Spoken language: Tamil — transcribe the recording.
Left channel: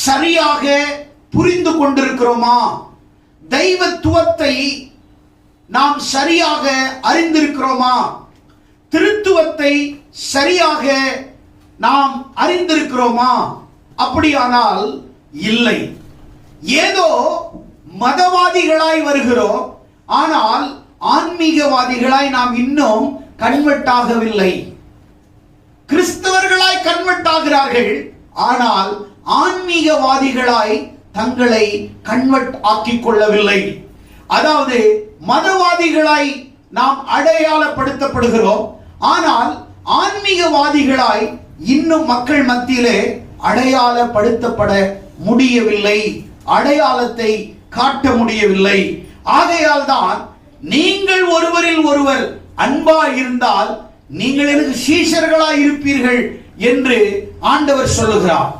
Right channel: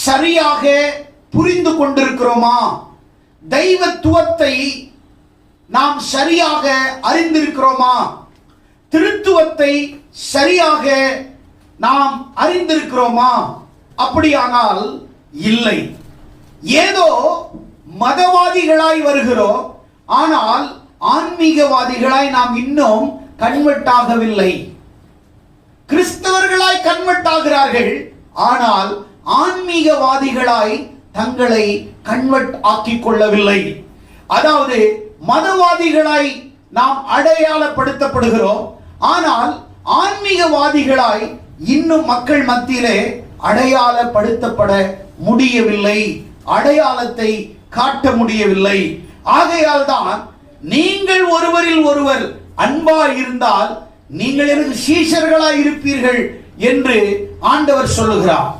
சரியாக புரிந்து கொண்டிருக்கிறோமா? தெய்வத்துவத்தை நாம் சரியாக அறிந்திருக்கிறோமா? திருத்துவத்தை சரியாக நாம் அறிந்திருக்கிறோமா? அப்படியானால் இல்லை. ஏதோ மதவாதிகளாய் வருகிறோம், ஆனால் ஆன்மீகவாதிகளாய் நாம் இன்னும் கன்வெர்ட் ஆகவில்லை. கிறிஸ்தவர்களாய் கன்வெர்ட் ஆகிறார்கள், ஆனால் ஆன்மீகவாதிகளாய் தங்களை கன்வெர்ட் ஆக்கிக் கொள்ளவில்லை. அதாவது மதவாதிகளாய் நாம் அடையாளப்படுத்தப்படுகிறோம், ஆனால் ஆன்மீகவாதிகளாய் இன்னும் மக்கள் மத்தியிலே அடையாளப்படுத்தப்பட முடியவில்லை, அடையாளத்தை காட்ட முடியவில்லை. ஆகையால் தான் நீங்கள் ஒருவரில் ஒருவர் அன்பாய் இருந்தால் நீங்கள் எனக்கு சீஷர்களாய் இருப்பீர்கள் என்று ஆண்டவர் சொல்லுகிறார்.